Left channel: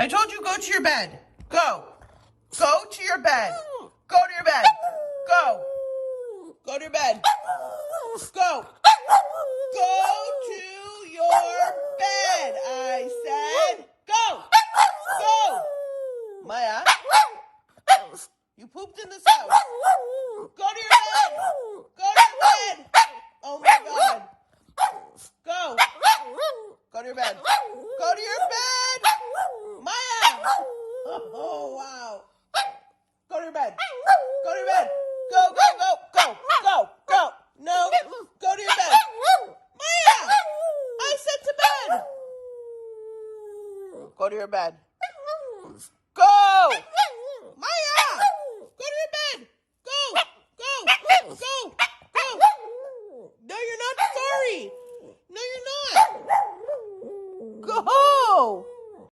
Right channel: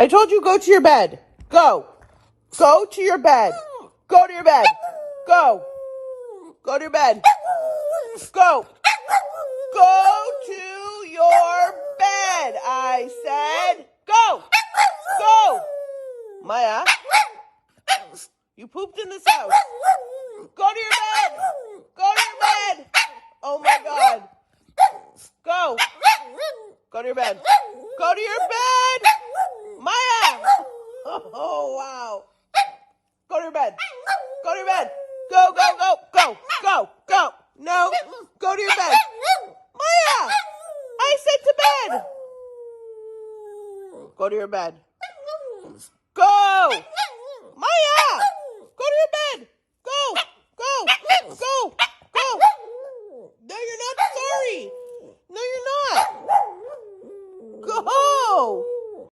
I told you go to your bed. Go. Go to your bed. Go to your bed. Go. Go to your bed. Go. Go to your bed. I said go. Go. Maya, you pooped in this house. Go to your bed. Go to your bed. Oh my God. Go. Go to your bed. Go to your bed. Maya. Oh, wow. Go to your bed. Go to your bed. Go, go, go, go, go, go. No. Go to your bed. Maya. I said to bed. Go to your bed. Go. Maya. Go to your bed. Go. Go. Go. Go. No, you're not sorry. No, you're not. Go.